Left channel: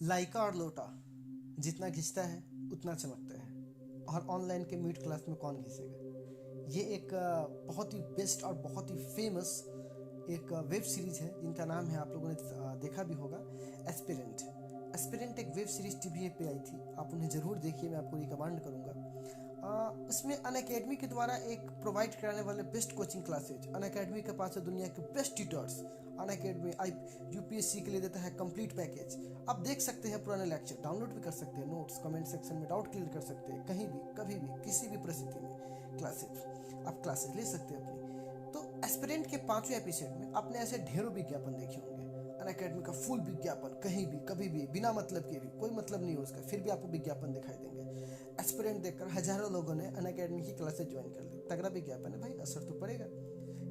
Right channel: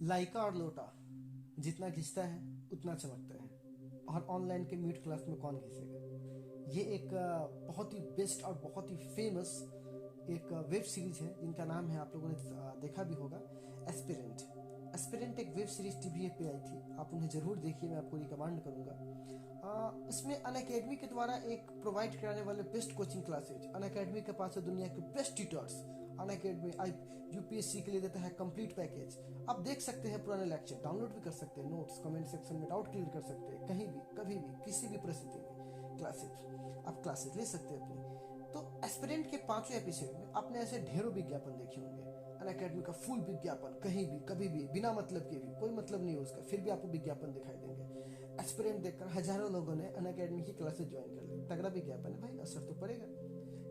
लाइका और लोटा जितना घिसता है उतना चमकता है, और ऑनलाइन के म्यूट क्लास में कौन घिसेगा। ये एक बहुत ही बेस्ट और बहुत ही फेमस एक वेब सीरीज है जिनका नाम है, आप लोगों ने देखा भी होगा, एस्पिरेंट। एस्पिरेंट एक वेब सीरीज टीवी पे आई थी, आप उन्हें जरूर देखिए, मैं आपको रिकमेंड करूंगा। उसमें अनअकैडमी के द्वारा एक प्रोवाइड कराने वाले बेस्ट कोचिंग क्लासेज, अनअकैडमी के पास है दुनिया के बेस्ट ट्यूटर्स। अनअकैडमी यूपीएससी के लिए देता है कंप्लीट पैकेज। आप देख सकते हैं पुराने लेक्चर, डाउनलोड भी कर सकते हैं, नोट्स कमेंट सेक्शन में डाउट क्लियर कर सकते हैं, कहीं भी कभी भी किसी भी परिस्थिति में क्लासेस ले सकते हैं अपनी। तो एस्पिरेंट के 5वें एपिसोड में आपने ऐसे ढेरों विज्ञापन देखे होंगे। अनअकैडमी का फुल विज्ञापन, कहीं भी कभी भी बिना मतलब के भी, कोई मतलब नहीं हो उसका, फिर भी आपको विज्ञापन दिखाई देंगे। एस्पिरेंट देखकर हजारों लोगों ने अनअकैडमी की क्लासेस ज्वाइन कर ली। तगड़ा विज्ञापन है भाई, असर तो पड़ेगा।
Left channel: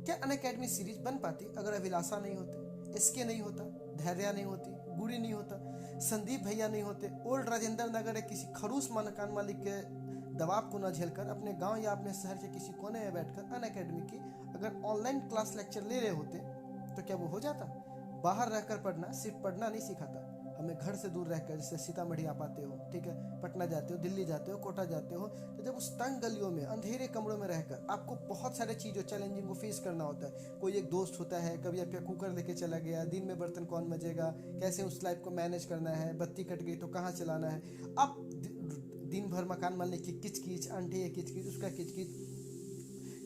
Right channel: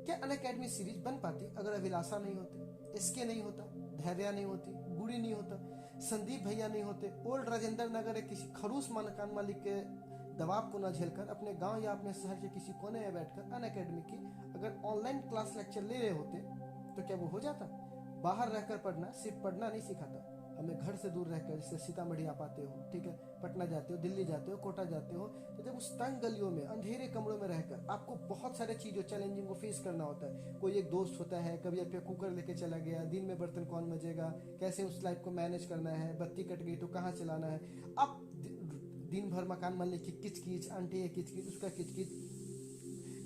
क्या अनअकैडमी सीरीज बन पाती अगर अभिलाषा नहीं होते, एसके नहीं होता, धैर्य नहीं होती, गुड़ी नहीं होता, संदीप भैया नहीं होते, ओल्ड राजेंद्र नगर एक किसी खड़ूस मकान मालिक के दबाव को न झेलकर अपने गांव या अपने शहर के किसी कोने में बैठकर अनअकैडमी की अगर ऑनलाइन क्लास लेक्चर ले रहे होते तो क्या वो हो जाता। बाहर रहकर पढ़ना सिर्फ पढ़ना नहीं सिखाता, हमें घर से दूर रहकर, जैसे सीतामढ़ी आप आते हो, ठीक है, पटना जाते हो, दिल्ली जाते हो, कोटा जाते हो, तो जब उस तंग गलियों में अंधेरे कमरों में रहकर आपको बहुत सारे चीज़ों चैलेंजिंग को फेस करना होता है। कोई एक दोस्त होता है, कभी आपके कुकर लेके चला गया, दिन में बर्तन कौन मजेगा, कैसे उस लाइफ को मैनेज करना है, बत्ती कट गई तो कहाँ चलाना है। आप दिन भर मकान मालिक की किचकिच, आंटी है किचकिच, उसका किचकिच,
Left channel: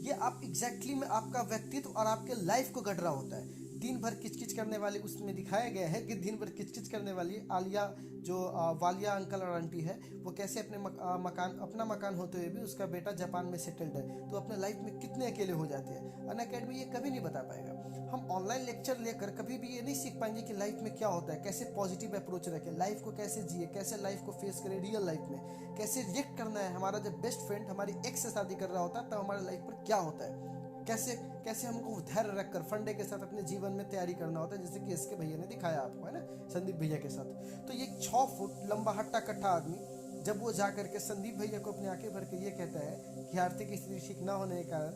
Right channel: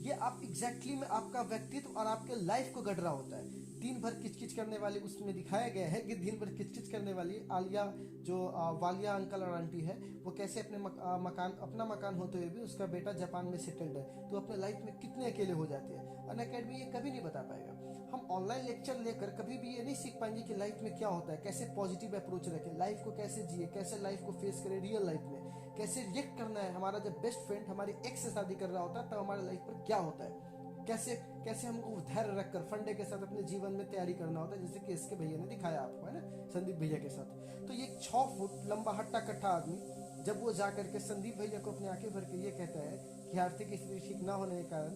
ये आप एग्जैक्टली में आपका व्यक्तित्व और आपके लाइफ को गढ़ रहा होता है। दिन भर किचकिच करने वाले, उसमें दिखाया गया है कि दिन भर किचकिच करने वाली आलिया, जो वालिया अंकल और आंटी है, वो कैसे अपने अपना मकान होते हुए भी उसका बेटा जापान में सेटल्ड है, तो अपने लाइफ में कितने अकेले हो जाते हैं। अनअकैडमी ये कभी नहीं बता पाएगा। हम ऑनलाइन लेक्चर लेकर कभी भी ये नहीं सीख पाएंगे कि लाइफ में क्या होता है, कैसे पॉजिटिव अप्रोच रखें, लाइफ को कैसे जिए, कैसे लाइफ को फेस करें, रियल लाइफ में कैसे रिएक्ट करना है। हमारा जब बेस्ट फ्रेंड हमारी एक्स से शादी कर रहा होता है तब हमारे लाइफ पर क्या होता है, कैसे कैसे हमको धैर्य रखकर फंडे के साथ अपने जीवन में तैयारी करना होता है, जैसे कि इसके भैया ने दिखाया आपको, है ना, संदीप भैया के साथ। तो ये 6 फुट लंबा हट्टा कट्टा आदमी जब वो जा करके संदीप भैया को अपनी आंखें भर के ये कहता है कि आर्थिक स्थिति ठीक ना होने के कारण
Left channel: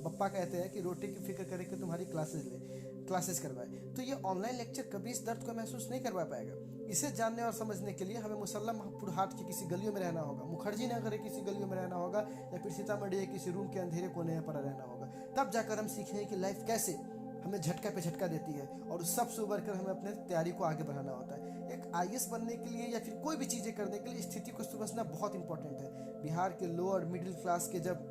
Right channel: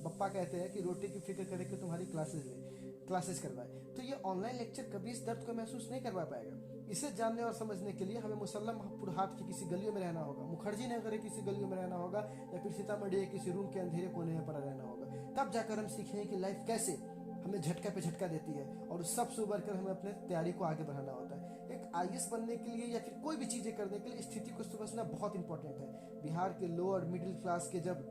पप्पा कहते हैं कि रोटी की फिक्र करे कि तुम्हारी क्लासेस करवाए, तो ये ऑनलाइन लेक्चर कभी इस दर्द को महसूस नहीं करवा पाएगा। इसे जानने और समझने के लिए हमें मुसल्लमपुर हाट की किसी गलियों में रहना होगा, मुखर्जी नगर की किसी गलियों में रहना होगा, या फिर सीतामढ़ी किसी रूम के अंधेरे कोने में पड़ा रहना होगा। तब जाकर हम सीखेंगे कि लाइफ कैसे हमें झटका पे झटका देती है, और उस सब से उबर कर हमें अपने तैयारी को आगे बढ़ाना होता है। एक आईएएस बनने के लिए या फिर कोई भी चीजें करने के लिए स्थिति को समझना बहुत इंपॉर्टेंट है। बिहार के लोअर मिडिल क्लास के जब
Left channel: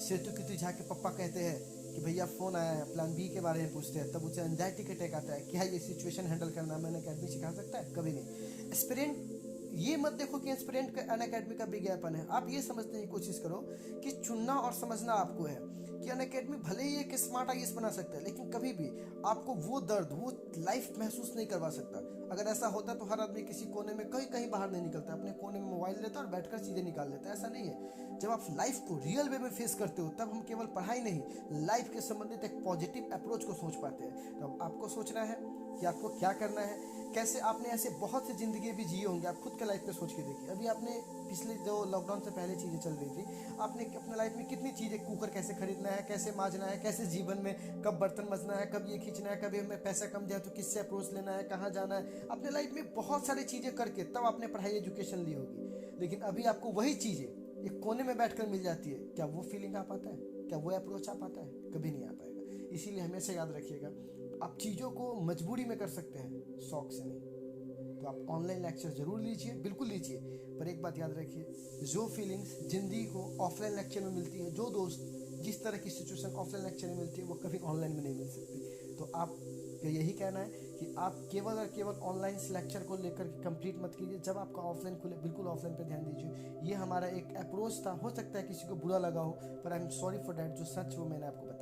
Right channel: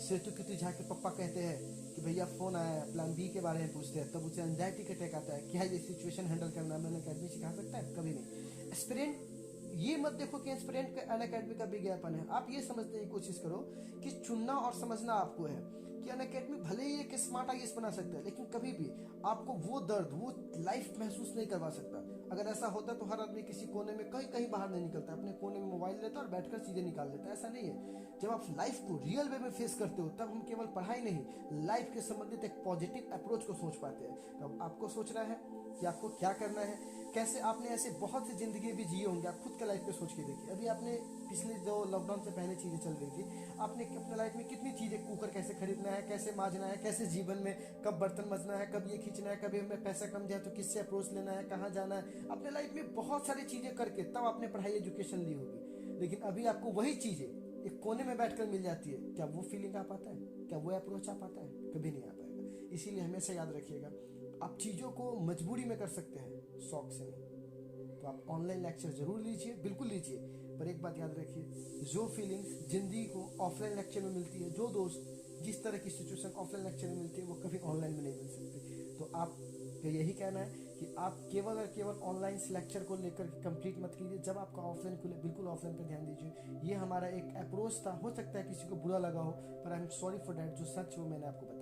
सेतु की झा के पप्पा कहते हैं कि भैया फोन आया है, प्लान बी के बारे में पूछते हैं, तब उसे एंजाइटी का अटैक आता है, क्या ये सिचुएशन हैंडल करना मैंने अनअकैडमी सिखा सकता है, कभी नहीं। एस्पिरेंट ये मत देखो कि एस्पिरेंट का अनअकैडमी का विज्ञापन है, आप ये समझने की कोशिश करो कि चुनना और समझना आपको है कि अनअकैडमी भले ही एक स्मार्ट आईएएस बना सकता है, लेकिन कभी भी आपको वो दर्द, वो लाइफ महसूस नहीं करवा सकता। अगर ऐसा होता तो हर आदमी किसी कोने में कहीं बाहर नहीं निकलता, अपने कोने में मोबाइल लेता और बैठकर चीजें निकाल लेता। ऐसा नहीं है। जब आप लाइफ को रियल वे में फेस करते हो तब हम केवल पढ़ाई नहीं, लाइफ के संबंधित एक पॉजिटिव अप्रोच को सोच पाते हैं। तो अब आपको सोचना है कि आपको क्या करना है, कैसे। आपने ऐसे बहुत सी जिंदगी भी जिए होंगे, आप खुद के लाइफ पे सोच के देखिए। अभी आपने पिछले जो लॉकडाउन से पहले चीजें चल रही थी, आपने अपने लाइफ में कितनी चीजें, कुकर कैसे खरीदना है, कैसे मांजना है, कैसे जीवन में कब बर्तन मजना है, कब ये खींचना है, कभी हमें पैसा कम जाए तो किससे अप्रोच लेना है, कहाँ जाना है, अपने लाइफ में बहुत सारी चीजें करके तब आपने पढ़ाई एजुकेशन ली होगी। लेकिन अभी आपको वही चीजें एक कोने में बैठकर मिल जाती है। क्या वो फीलिंग आ पाता है, क्या वो अप्रोच आ पाता है? कभी नहीं आ पाएगा। इसीलिए हमेशा याद रखिएगा, आप चीज़ों को मजबूरी में कर सकते हैं, शौक से नहीं। तो आप ऑनलाइन लेक्चर जरूर लीजिए, बिल्कुल लीजिए, पर एक बात याद रखिए, जो फीलिंग्स जिंदगी को ऑफलाइन लेक्चर में मिलती है, जो दोस्त, जिस तरह की सिचुएशन ऑफलाइन लेक्चर में मिलती है, वो कभी ऑनलाइन में नहीं मिल सकती। तो आप यही कहना है कि आप केवल और केवल ऑनलाइन लेक्चर को लेकर कंप्लीट मत कीजिए। जब आपका ऑफलाइन खुले, बिल्कुल ऑफलाइन पे ध्यान दीजिए। ये हमारा एक अप्रोच था, हो सकता है किसी को बुरा लगा हो, पर I am sorry for that. जो सच वो मैंने आपको बताया।